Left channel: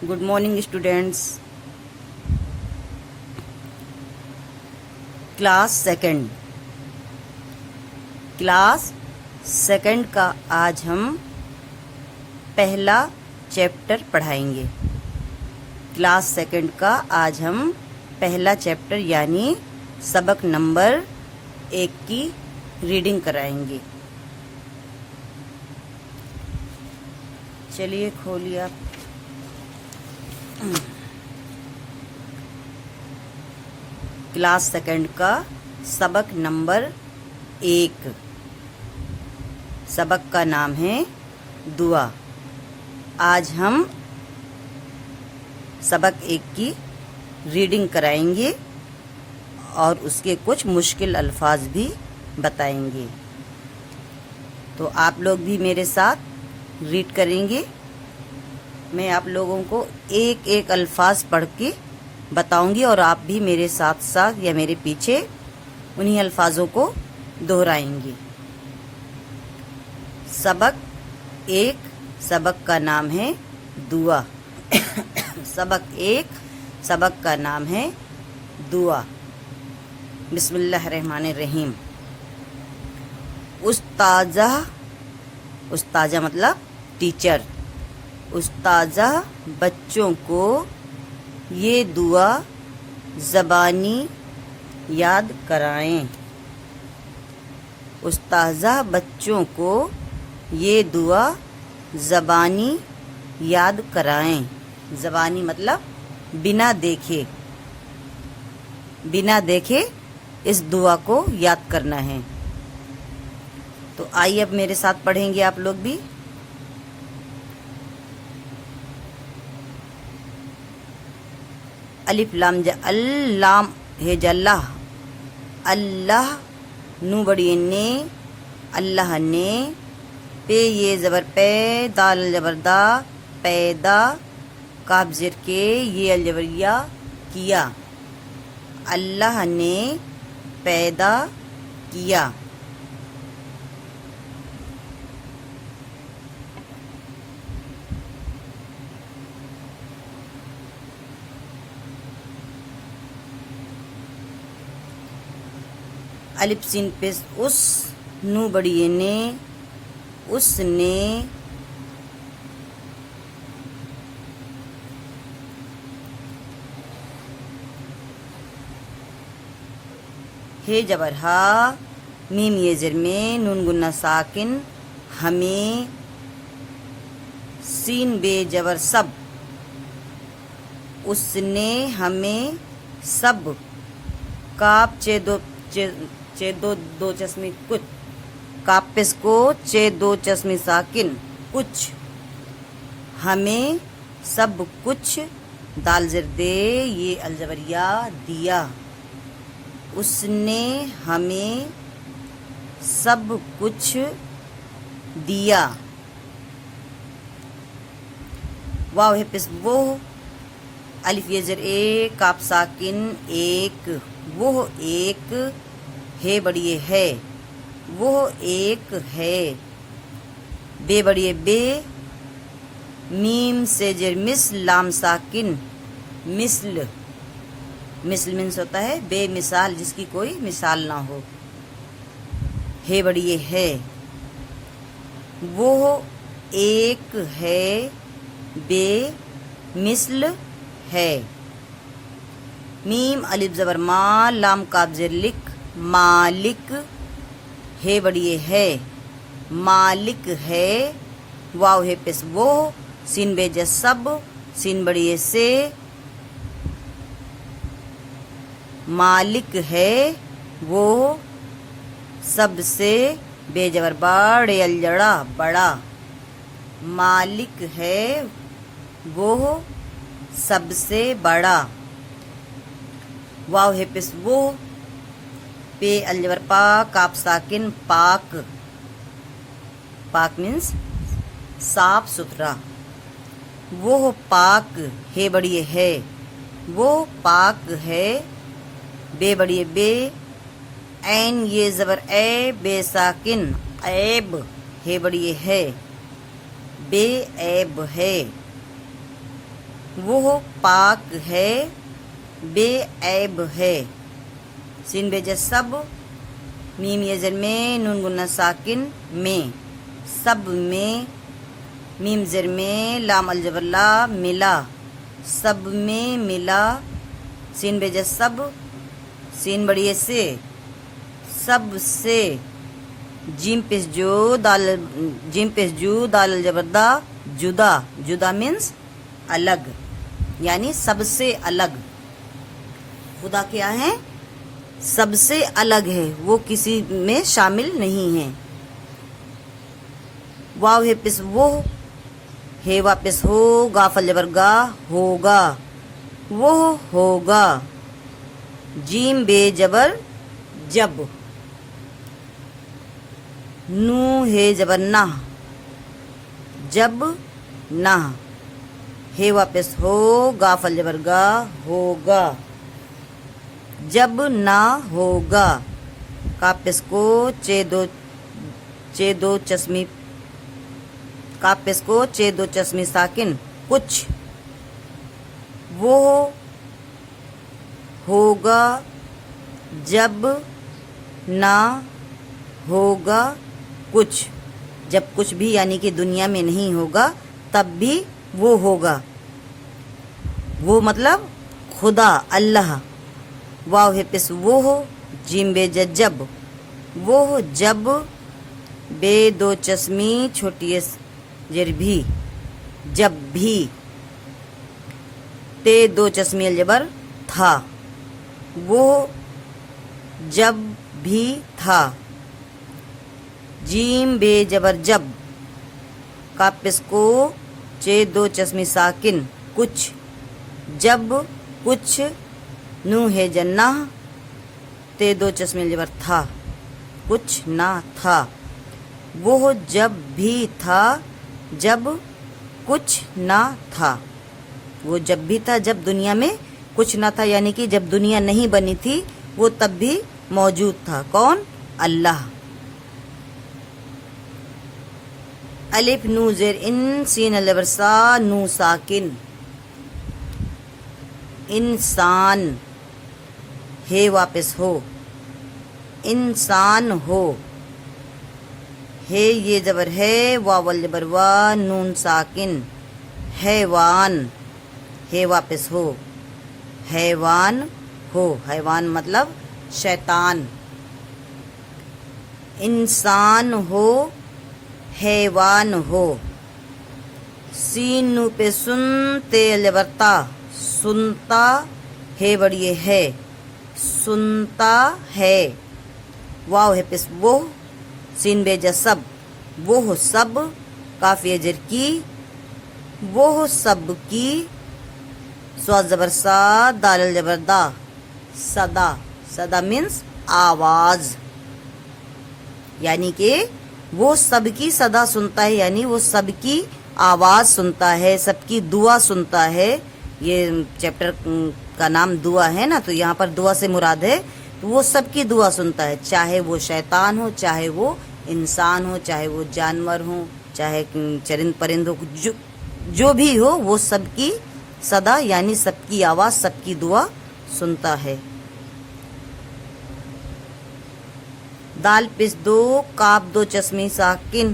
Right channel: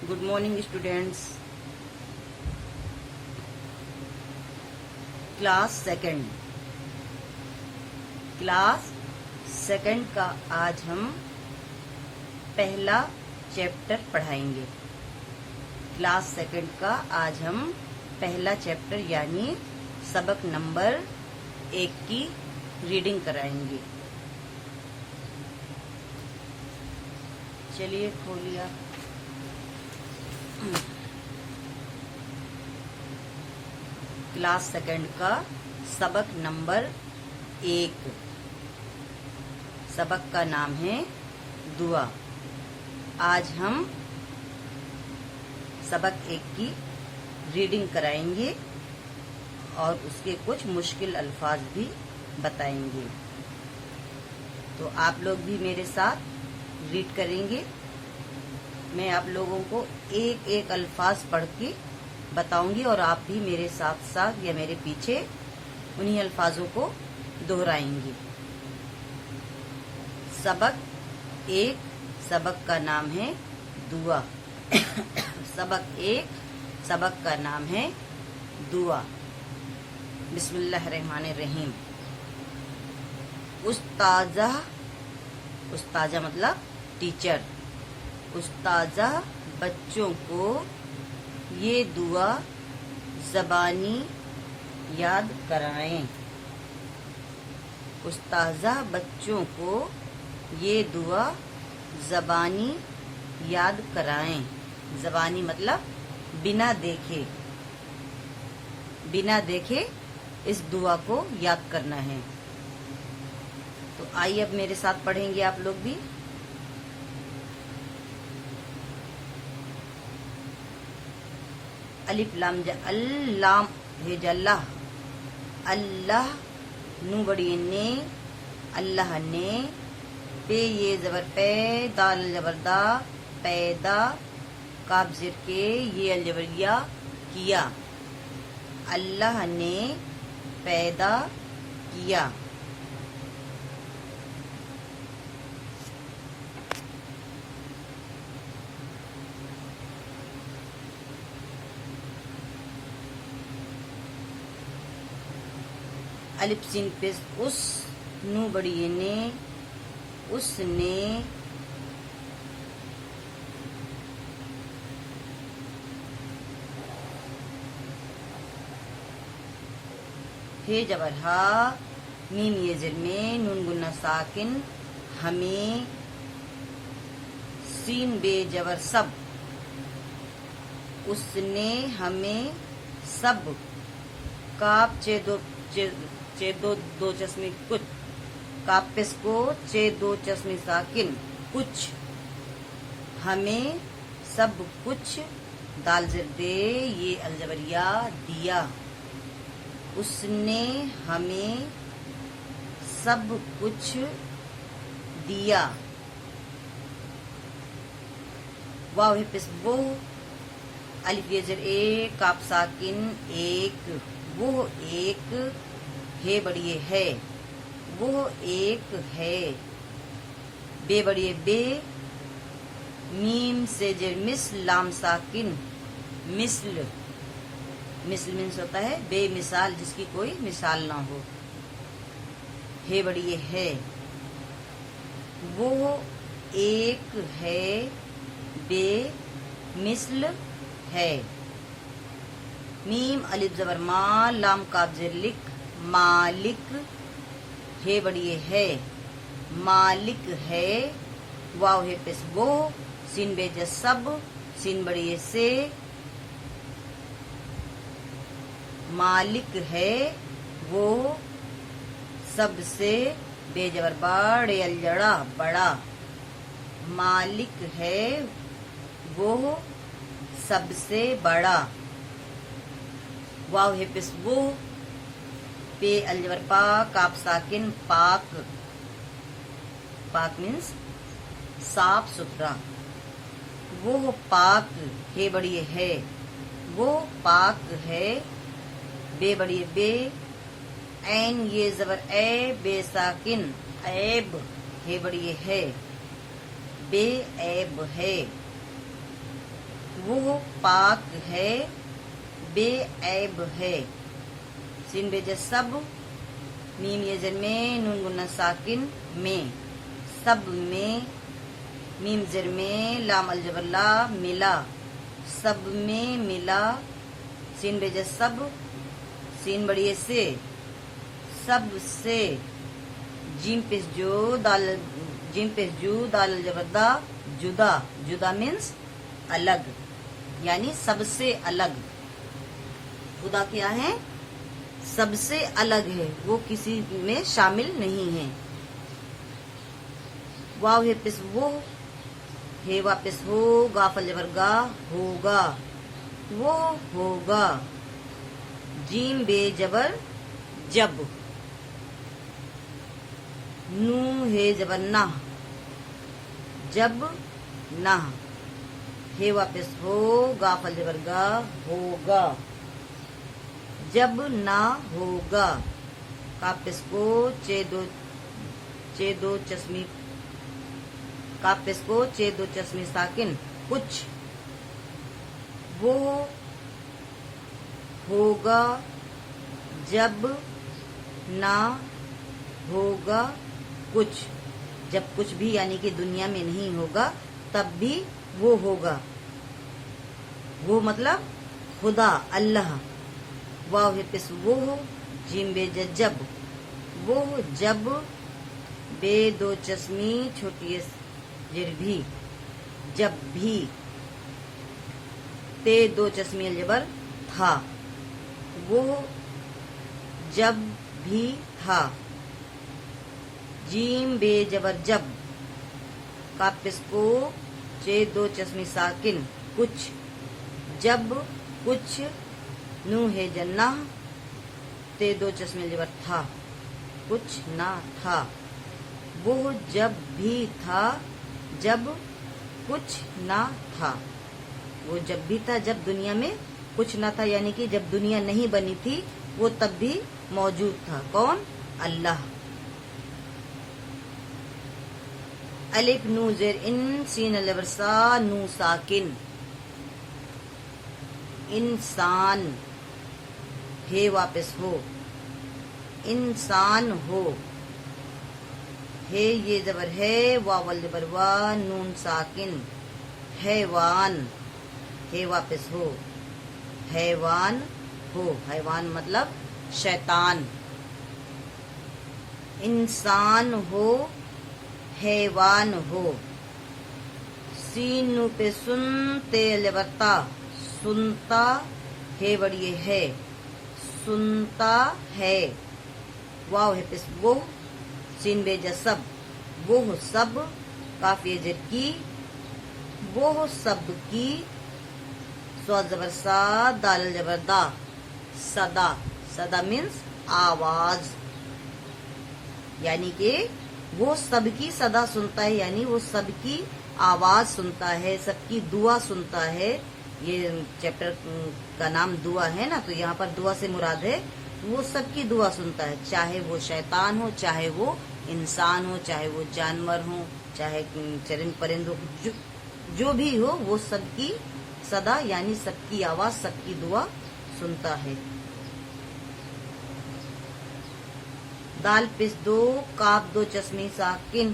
Good morning students. Class second का आज हम पहला चैप्टर पढ़ाएंगे। क्लास सेकंड का आज हम पहला चैप्टर यानी सबक नंबर 1 की रीडिंग कराएंगे। चलिए खोलिए आप। क्लास सेकंड का सबक नंबर 1। सबक का नाम है दुआ। आज हम सबक 1 की रीडिंग कराएंगे और उसके कुछ मुश्किल अल्फाज भी बताएंगे। तो आप लोग भी मेरे साथ रीड करेंगे। मैं आप लोगों को एक एक अल्फाज पढ़ के बताऊंगी और आप भी मेरे साथ साथ या मेरे पीछे उन्हीं अल्फाजों को दोहराएंगे। सबक 1 सबक का नाम है दुआ। सबक का नाम है दुआ। बिस्मिल्लाहिर्रहमानिर्रहीम। उस्ताजा मतलब टीचर। उस्ताजा बच्चों को ये दुआ ज़बानी याद कराएं। उस्ताजा बच्चों को ये दुआ ज़बानी याद कराएं। ज़बानी मतलब बिना देखे इस दुआ को याद करना है। तो आइए अब मेरे साथ पढ़ेंगे आप लोग भी। अलिफ लाम अल्लाम है जल्लाह। अल्लाह नू बड़ी ने अल्लाह ने। पे ये ज़बर पे दाल जबरदा पैदा काफ ज़ेर के ये अलजबरिया किया। अल्लाह ने पैदा किया। अलिफ सीन पे उस नू बड़ी ने उसने। हे जबर हा मीम ये ज़ेर में नून गुन्ना साकिन हमें। सीन बे जबर सब उसने हमें सब। काप चे दो चश्मे कुछ। कापिस को चे दो चश्मे साकिन कुछ। हमें सब कुछ दाल ज़ेर दे ये अलजबरिया दिया। उसने हमें सब कुछ दिया। वाव है पिस वो। अलिफ ये ज़ेर ए काप साकिन एक। वो एक है बड़ी है। वो एक है। बे बड़ी बे। मीम से ज़ेर मिस लाम साकिन मिस्ल। मिस्ल मीन्स होता है बेमिसाल, जिसकी कोई मिसाल ना हो। है बड़ी है। वो एक है बे मिस्ल है। मीम अलिफ ज़बर मा लाम काफ ज़ेर लिक मालिक है बड़ी है। मालिक है। वाव है पेश वो। सीन बेज सब सीन बड़ी से। मालिक है वो सबसे बेजबर बड़े अलजड़ा बड़ा। मालिक है वो सबसे बड़ा। वाव है पेश वो। पे अलजबर पा काप साकिन पाक। पाक मीन्स साफ सुथरा। वो पाक है बड़ी है। वो पाक है। बे बड़ी बे। ऐन ये ज़बर ए बे साकिन ऐब है बड़ी है। बेऐब है। وہ پاک ہے بے عیب ہے. سین بے سب میم یہ زر میں نون گنہ ساکن میں سب میں میم زر میں لام الجبر لا ملا سب میں ملا. سین بے سب سین بڑی سے سب سے جیم پیش جو دال الجبر دا جدا جدا مینس الگ یعنی سب سے الگ. خدا کیا ہے؟ سب سے الگ ہے، وہ کسی میں شامل نہیں ہے. واو ہے پس وہ ہے واپس ہو گاف الجبر گا ہوگا وہ ہوگا. جیم بے جبر جب نو ہے جبر نہ جب نہ ہے واپس ہو گاف الجبر گا ہوگا جب نہ ہوگا. کاپس کو چے دو چشمی ساکن کچھ وہ ہوگا جب نہ ہوگا کچھ. جب کچھ بھی یعنی کہ دنیا میں نہیں ہوگا تب بھی وہ ہوگا. وہ مطلب خدا اللہ. واو ہے پس وہ ہو جیم بے جب وہ جب بے دو چشمی چھوٹی زر بھی جب بھی تے دو چشمی الجبر تھا وہ جب بھی تھا. جیم بے جبر جب کاپس کو چے دو چشمی ساکن کچھ جب کچھ نو ہے جنہ تے دو چشمی الجبر تھا کچھ نہ تھا. وہ جب بھی تھا جب کچھ نہ تھا. وہ جب بھی تھا جب دنیا میں کچھ نہ تھا یعنی کہ جب دنیا نہیں بنی تھی وہ تب بھی موجود تھا. کون؟ اللہ. الف نو زیر ان سین الجبر سا نو ساکن انسان ہے واپس ہو انسان ہو. ہے یہ زبر ہے واو الجبر وا نون ساکن حیوان ہے واپس ہو حیوان ہو. حیوان مطلب شیطان. انسان ہو حیوان ہو. سین نو پہ سن تے الجبر تا سنتا ہے بڑی ہے سنتا ہے. واو ہے پس وہ سین بے جسب وہ سب کافی اجر کی وہ سب کی. سواد زبر سا دال الجبر دا صدا صدا مینس آواز یعنی کہ وہ سب کی صدا سنتا ہے یعنی وہ سب کی آواز سنتا ہے سب کی دعا سنتا ہے. یہ چیپٹر کا نام دعا ہے نا تو یہاں پر دعا سے مراد ہے وہ سب کی دعا سنتا ہے چاہے وہ شیطان ہو چاہے وہ انسان ہو چاہے وہ جانور ہو چاہے چرند پرند ہو جو بھی ہو وہ سب کی صدا یعنی سب کی آواز سب کی دعا سنتا ہے. دال پس دو کاپ دو چشمی ساکن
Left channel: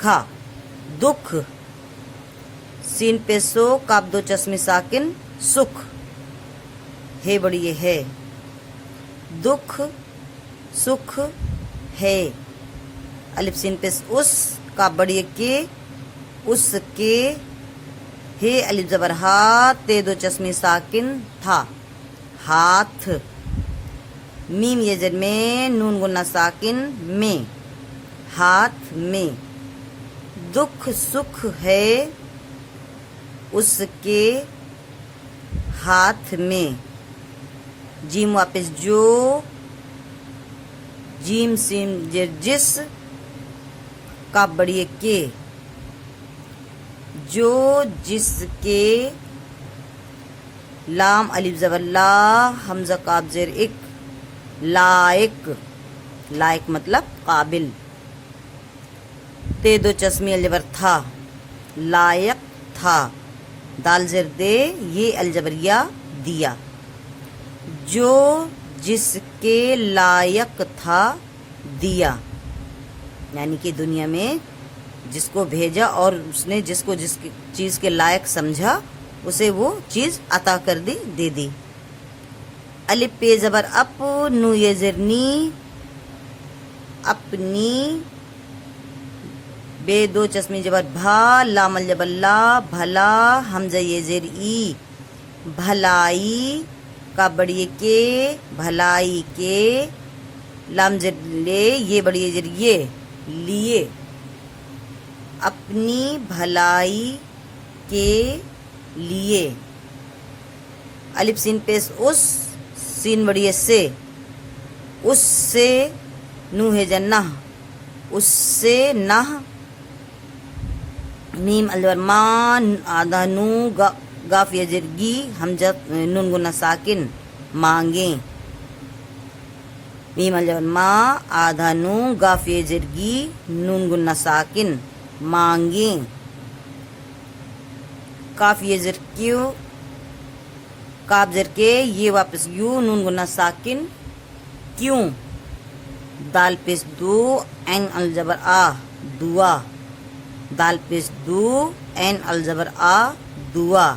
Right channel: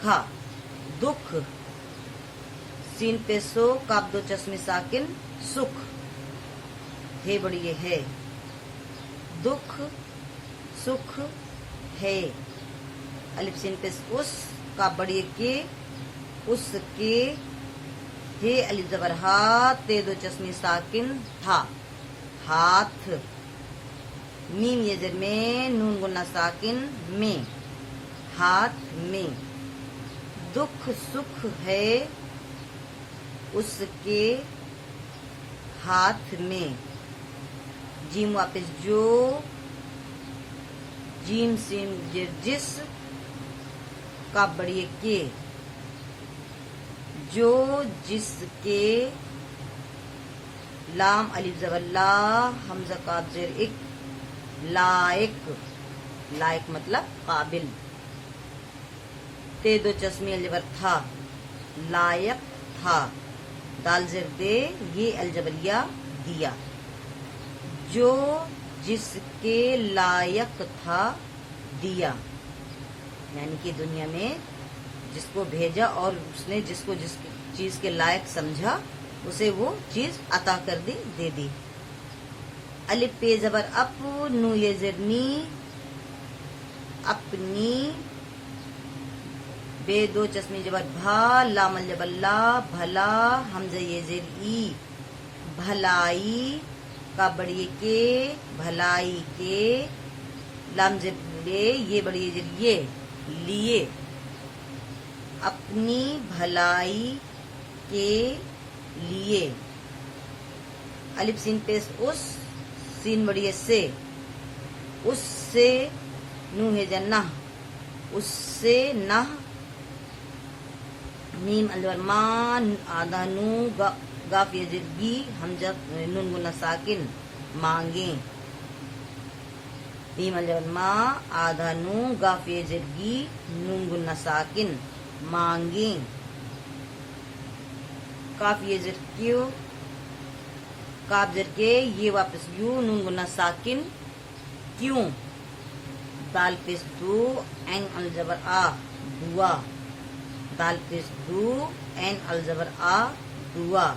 کھا دکھ. سین پیسو کاپ دو چشمی ساکن سکھ ہے بڑی ہے دکھ سکھ ہے. الف سین پیس اس کا بڑی کے اس کے ہے الف زبر ہاتھ تے دو چشمی ساکن تھا ہاتھ. میم یہ زر میں نون گنہ ساکن میں ہاتھ میں. دکھ سکھ ہے اس کے ہاتھ میں. جیم واپس جو جیم سین جس کا بڑی کے جو جس کے. لام الف زبر لا حمزہ قاف زیر ایک لائق لائق مطلب قابل. تے دو چشمی الجبر تھا لائق تھا. دال زر دے یہ الجبریہ دیا، جو جس کے لائق تھا دیا، یعنی کہ دنیا میں جس کو بھیجا اور اس نے جس کو جس چیز کے لائق سمجھا اسے وہ چیز عطا کر دی، دے دی۔ الف پہ زبر اپ، نو یہ زر نی، اپنی، بے دو چشمی جبر بھا، لام الجبر لا، بھلا، حمزہ یہ زیر ای، بھلائی، کا بڑی کے، بھلائی کے، لام زر لے، یہ بڑی زر یہ، لیے، اپنی بھلائی کے لیے۔ الف سین پیش اس، سین بڑی سے، اس سے، نو ہے جنہ، اس سے نہ، میم الجبر ما، آدھا نو، گاف یجرگی، حمزہ نون گنہ ساکن، مانگیں، میم الجبر ما، آدھا نو، گاف یجرگی، نون گنہ ساکن، مانگیں، کاف یجر کیوں، کاف زر کے، یہ واپس یو، نون گنہ ساکن، کیوں، دال پیش دو، این الجبر آ، دعا، دال پیش دو، این الجبر آ، دعا،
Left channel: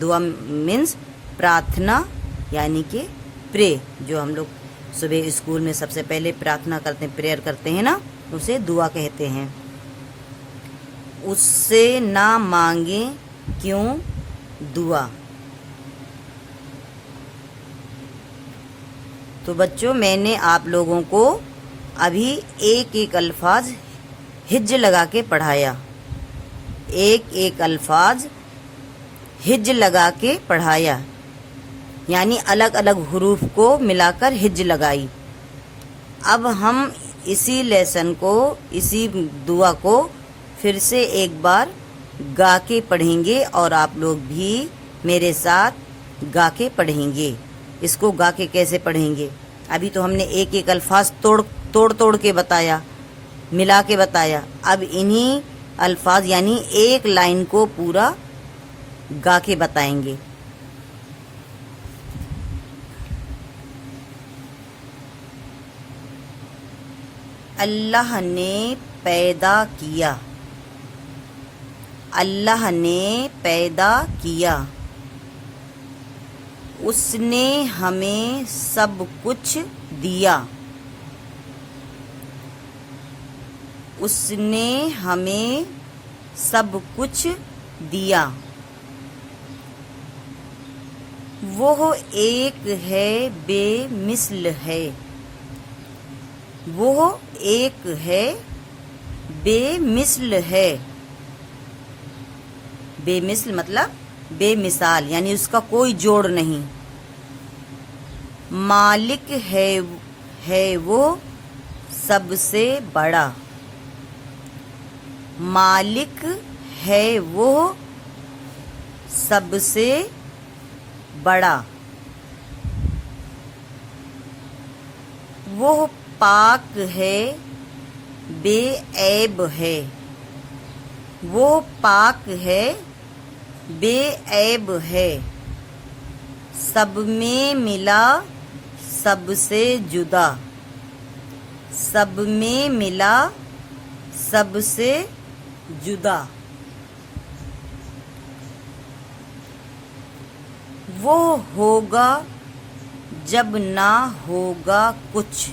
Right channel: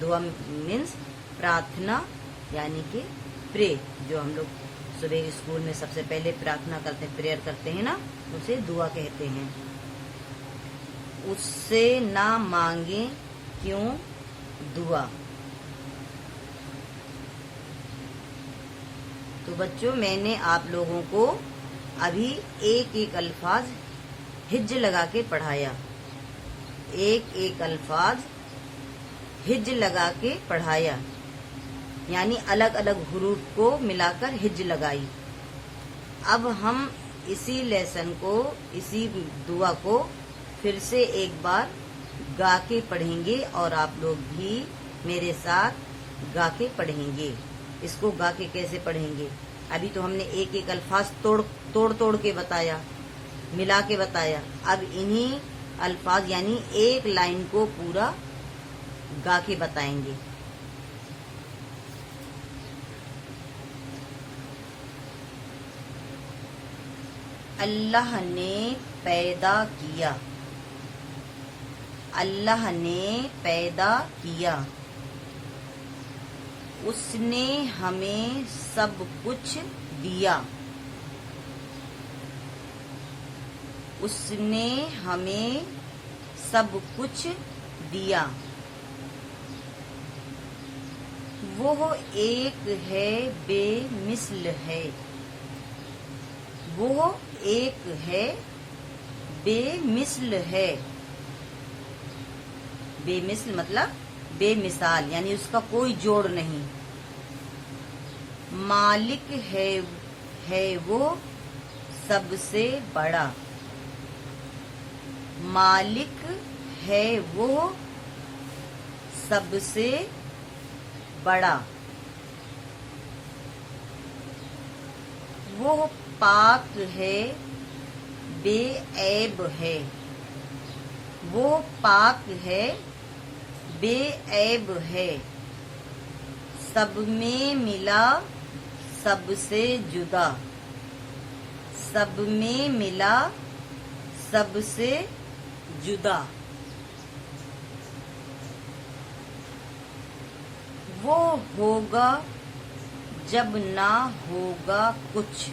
دعا مینس پراتھنا، یعنی کہ پرے، جو ہم لوگ صبح اسکول میں سب سے پہلے پراتھنا کرتے ہیں، پریئر کرتے ہیں نا، اسے دعا کہتے ہیں۔ اس سے نہ مانگیں کیوں دعا۔ تو بچوں، میں نے آپ لوگوں کو ابھی ایک ایک الفاظ ہج لگا کے پڑھایا، ایک ایک الفاظ ہج لگا کے پڑھایا، یعنی الگ الگ حروف کو ملا کر ہج لگائی۔ اب ہم اسی لیسن کو، اسی دعا کو پھر سے ایک بار گا کے پڑھیں گے، اور آپ لوگ بھی میرے ساتھ گا کے پڑھیں گے۔ اس کو گا کے کیسے پڑھیں گے؟ ابھی تو ہم نے ایک ایک الفاظ توڑ کے بتایا، ملا کے بتایا، اب انہی الفاظ یعنی ایک لائن کو پورا گا کے بتائیں گے۔ اللہ نے پیدا کیا، اللہ نے پیدا کیا، اس نے ہمیں سب کچھ دیا، اس نے ہمیں سب کچھ دیا، وہ ایک ہے بے مثل ہے، وہ ایک ہے بے مثل ہے، بے مثل مطلب بے مثال، یعنی اس کا کوئی جوڑ نہیں۔ مالک ہے وہ سب سے بڑا، مالک ہے وہ سب سے بڑا، وہ پاک ہے بے عیب ہے، وہ پاک ہے بے عیب ہے، سب میں ملا سب سے جدا، سب میں ملا سب سے جدا، وہ ہوگا جب نہ ہوگا کچھ،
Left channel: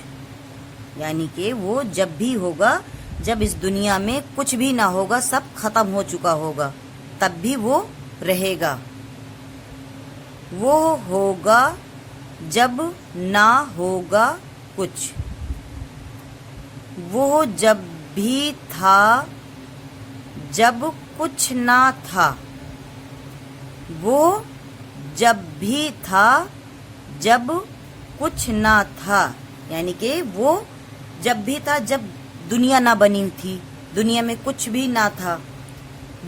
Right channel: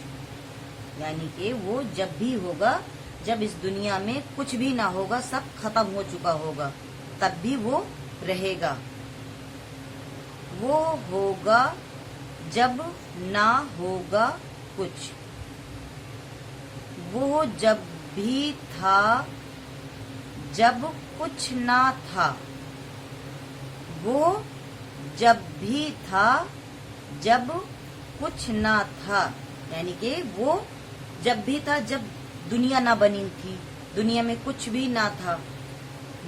یعنی کہ وہ جب بھی ہوگا، جب اس دنیا میں کچھ بھی نہ ہوگا، سب ختم ہو چکا ہوگا، تب بھی وہ رہے گا۔ وہ ہوگا جب نہ ہوگا کچھ، وہ جب بھی تھا جب کچھ نہ تھا، وہ جب بھی تھا جب کچھ نہ تھا، یعنی کہ وہ جب بھی تھا جب دنیا نہ بنی تھی، دنیا میں کچھ بھی نہ تھا،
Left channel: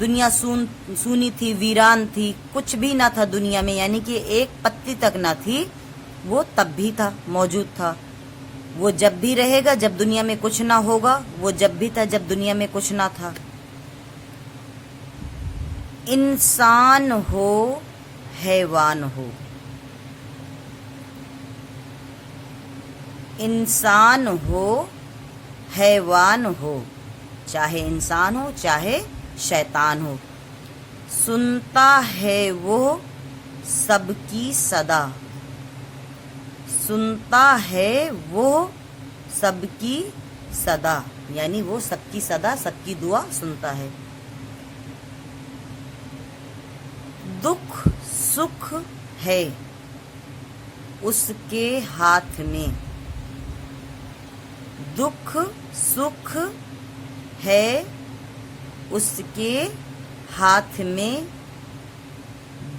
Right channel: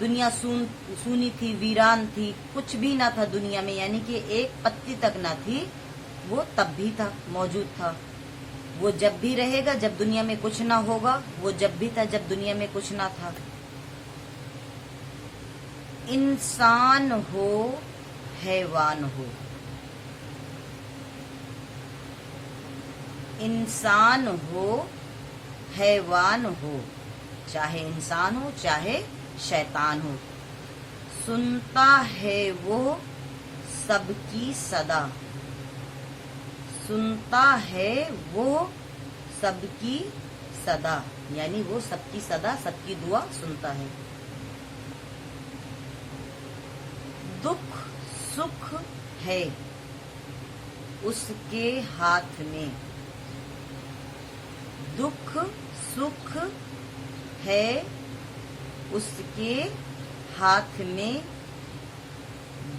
دنیا سونی تھی، ویران تھی، کچھ بھی نہ تھا دنیا میں، یعنی کہ ایک پتی تک نہ تھی، وہ تب بھی تھا، موجود تھا۔ وہ جب بھی رہے گا جب دنیا میں کچھ نہ ہوگا، وہ جب بھی تھا جب دنیا میں کچھ نہ تھا۔ इंसान हो हैवान हो, इंसान हो हैवान हो, चाहे इंसान हो चाहे शैतान हो। सुनता है वो सबकी सदा, सुनता है वो सबकी सदा, यानी वो सबकी सदा, सबकी दुआ सुनता है। दुख सुख है उसके हाथ में, दुख सुख है उसके हाथ में,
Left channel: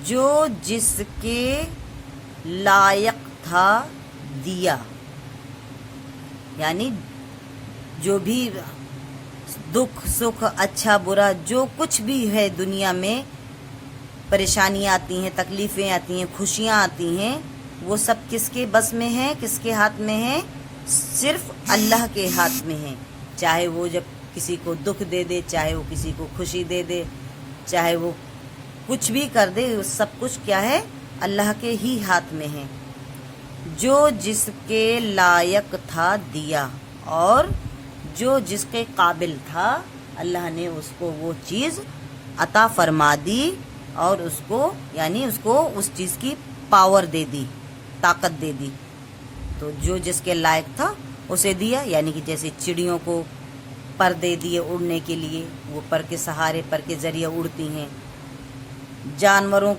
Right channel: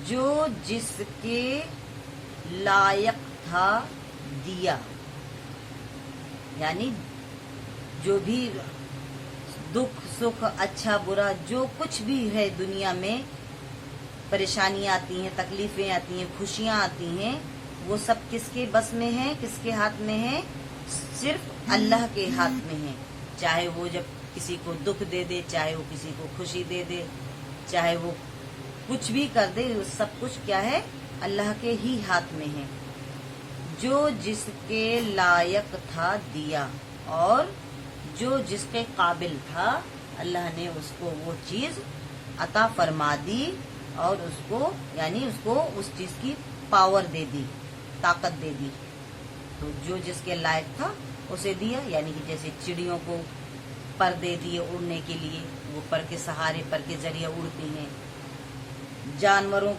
जो जिसके लायक था दिया, यानी जो भी दुख सुख अच्छा बुरा जो कुछ भी है दुनिया में, परेशानियाँ आती हैं, तकलीफ़ें आती हैं, खुशियाँ आती हैं, वो सब किसके बस में है, किसके हाथ में है? सिर्फ अल्लाह के हाथ में है। चाहे वो जब किसी को दुख दे दे, चाहे वो किसी को खुशी दे दे, चाहे वो कुछ भी कर दे, सब कुछ क्या है? अल्लाह के ही हाथ में है। जो जिसके लायक था दिया, और जो जिसके काबिल था अल्लाह ने उसको वो चीज़ अता फरमा दी, और उसको यानी उसको उस चीज़ की पावर दे दी, ताकत दे दी। तो जो जिसके लायक था उसे दिया, यानी कि जैसे चिड़ियों को पर दे दिए उड़ने के लिए, वो पर के सहारे, पर के ज़रिए उड़ती हैं। जानवरों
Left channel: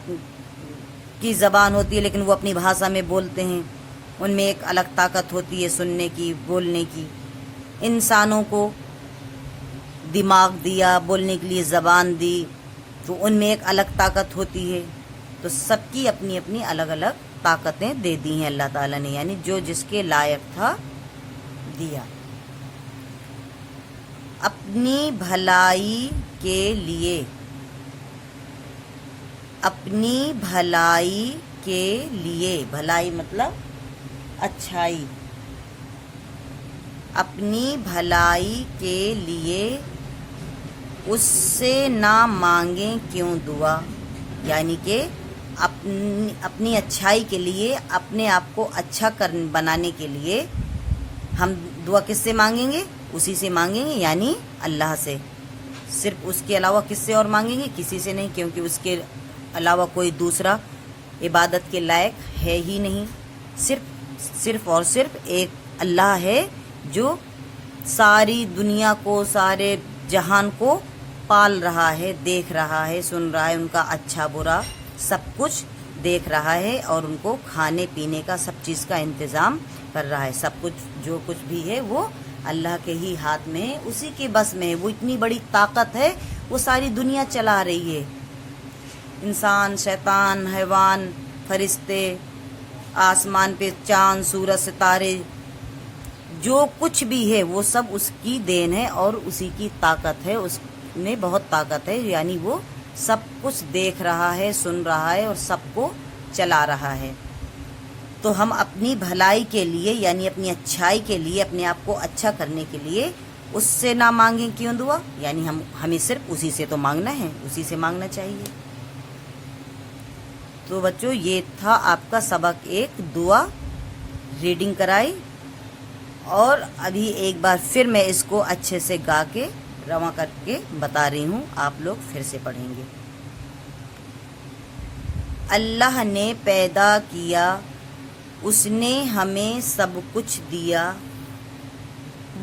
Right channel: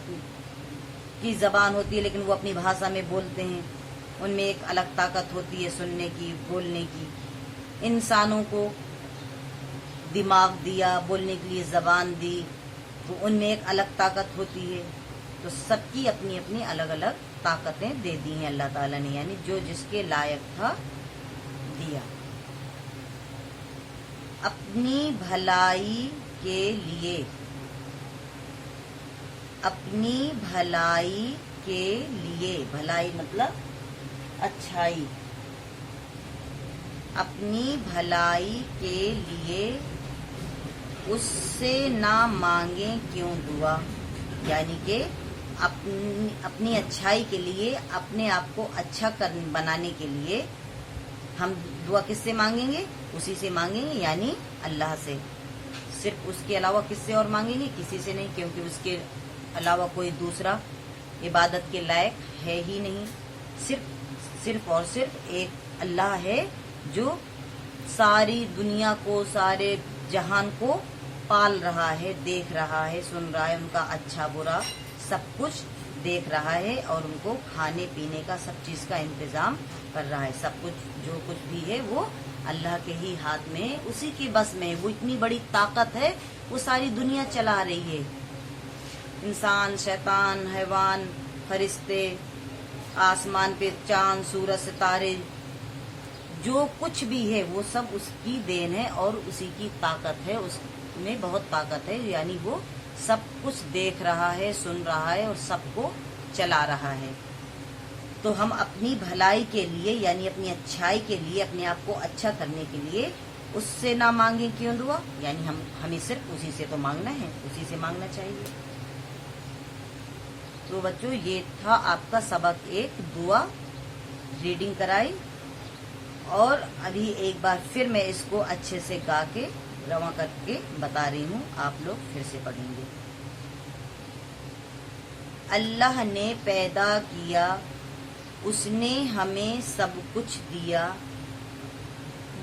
की ज़बान होती है लेकिन वो अपनी भाषा में बोलते हैं, उनमें एक अलग ताकत होती है सुनने की, बोलने की। इंसानों को दिमाग दिया, बोलने के लिए ज़बान दी, तो उनमें एक अलग ताकत होती है। तो सबकी अपनी अपनी अलग अलग ताकतें दे दी हैं अल्लाह ताला ने, यानी जो जिसके लायक था दिया। अपनी भलाई के लिए, अपनी भलाई के लिए, भलाई मतलब अच्छाई, अपनी भलाई के लिए उससे ना मांगे क्यों दुआ, यानी कि अपनी अच्छाई के लिए, अपने आप को अच्छा बनाने के लिए हम दुआ किससे मांगेंगे? उसी से मांगेंगे, यानी अल्लाह से। सिर्फ उसके अलावा किससे और मांगेंगे? किसी से नहीं, क्योंकि उसके अलावा कोई दूसरा इबादत के लायक है ही नहीं। सिर्फ और सिर्फ एक अल्लाह है जो सारी दुनिया को, सारे जहान को पाल रहा है, देख रहा है, सुन रहा है, उनका अच्छा बुरा सब कुछ देख रहा है, और उनको खाने पीने का सब चीज़ का इंतज़ाम कर रहा है। सब कुछ जो कुछ भी है वो अल्लाह के ही हाथ में है, उसी के बस में है। वो इतनी बड़ी ताकत है, वो सारी दुनिया चला रही है। इंसान, शैतान, हैवान, फरिश्ते, आसमान पे चांद, सूरज, सितारे, जो कुछ भी है वो सब उसकी देन है और उसी की ताकत है। उसमें बहुत ताकत है, यानी वो सब कुछ देख रहा है, सुन रहा है और सबको चला रहा है। तो हम अपनी भलाई के लिए, यानी अपनी अच्छाई के लिए, अपने आप को अच्छा करने के लिए उससे ना मांगे क्यों दुआ, यानी हमें सिर्फ उसी से तो मांगना है, उसी से मांगना चाहिए। तो बच्चों, ये था आपका सबक एक, दुआ रीडिंग कराई, और अभी एक बार फिर मैं इसको अच्छे से गा के रवा करके बता रही हूँ, आप लोग फिर से पढ़ेंगे। अल्लाह ने पैदा किया, उसने हमें सब कुछ दिया,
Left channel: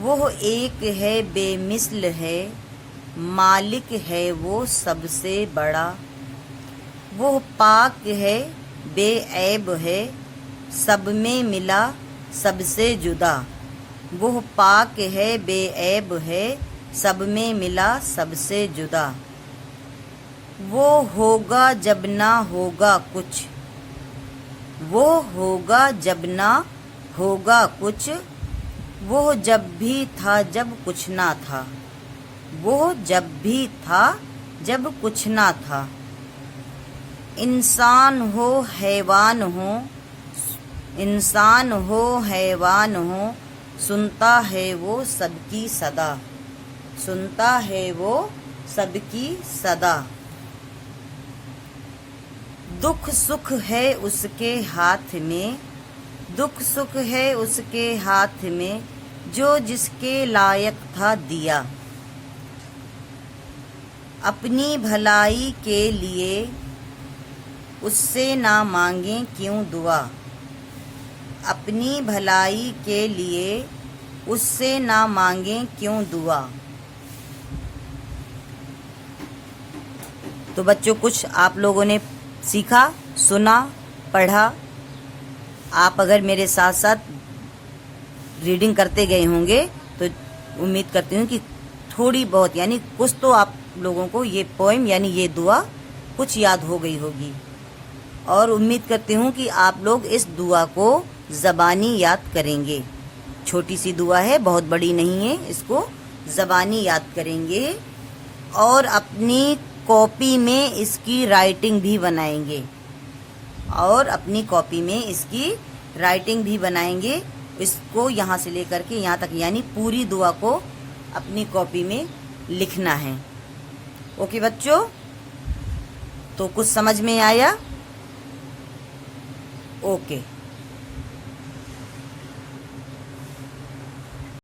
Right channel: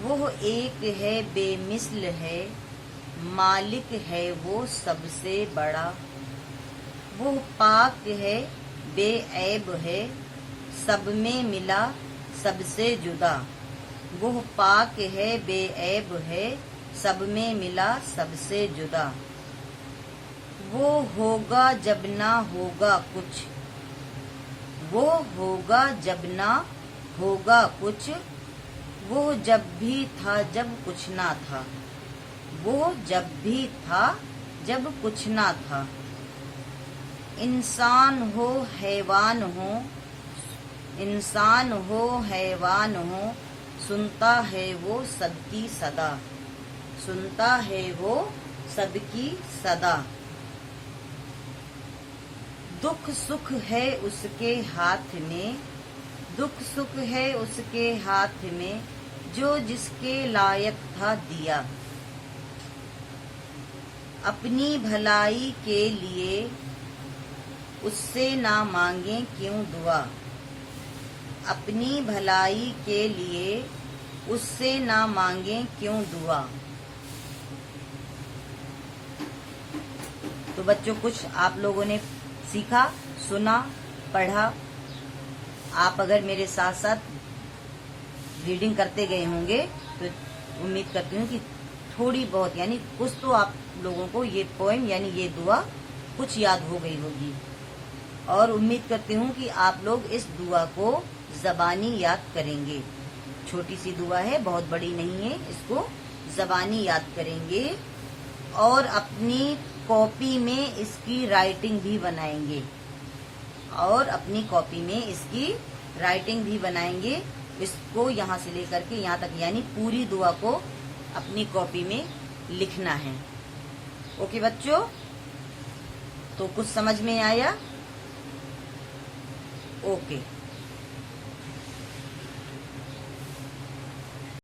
वो एक है बेमिसल है, मालिक है वो सबसे बड़ा, वो पाक है बेऐब है, सब में मिला सबसे जुदा, वो पाक है बेऐब है, सब में मिला सबसे जुदा, वो होगा जब ना होगा कुछ, वो होगा जब ना होगा कुछ, वो जब भी था जब कुछ ना था, वो जब भी था जब कुछ ना था। इंसान हो हैवान हो, इंसान हो हैवान हो, सुनता है वो सबकी सदा, सुनता है वो सबकी सदा। दुख सुख है उसके हाथ में, दुख सुख है उसके हाथ में, जो जिसके लायक था दिया। अपनी भलाई के लिए उससे ना मांगे क्यों दुआ, अपनी भलाई के लिए उससे ना मांगे क्यों दुआ। तो बच्चों, कुछ आप लोगों ने सीखा, सुना, पढ़ा। आप अगर मेरे साथ साथ रीडिंग करते गए होंगे तो उम्मीद करती हूँ कि थोड़ी बहुत यानी कुछ तो आप लोगों को ये पोएम यानी ये दुआ कुछ याद हो गई होगी। और उम्मीद करती हूँ कि आप लोग इस दुआ को ज़बानी याद करेंगे। छोटी सी दुआ है, बहुत बड़ी नहीं है। इसको ज़बानी याद करेंगे और अपनी कॉपी में इसकी राइटिंग भी बनाएंगे, और अपनी कॉपी में इसकी राइटिंग भी बनाएंगे। इसको यहाँ से लेकर के यहाँ तक यानी पूरी दुआ को अपनी कॉपी में लिखना है। ओके बच्चों, तो कुछ समझ में आया? ओके।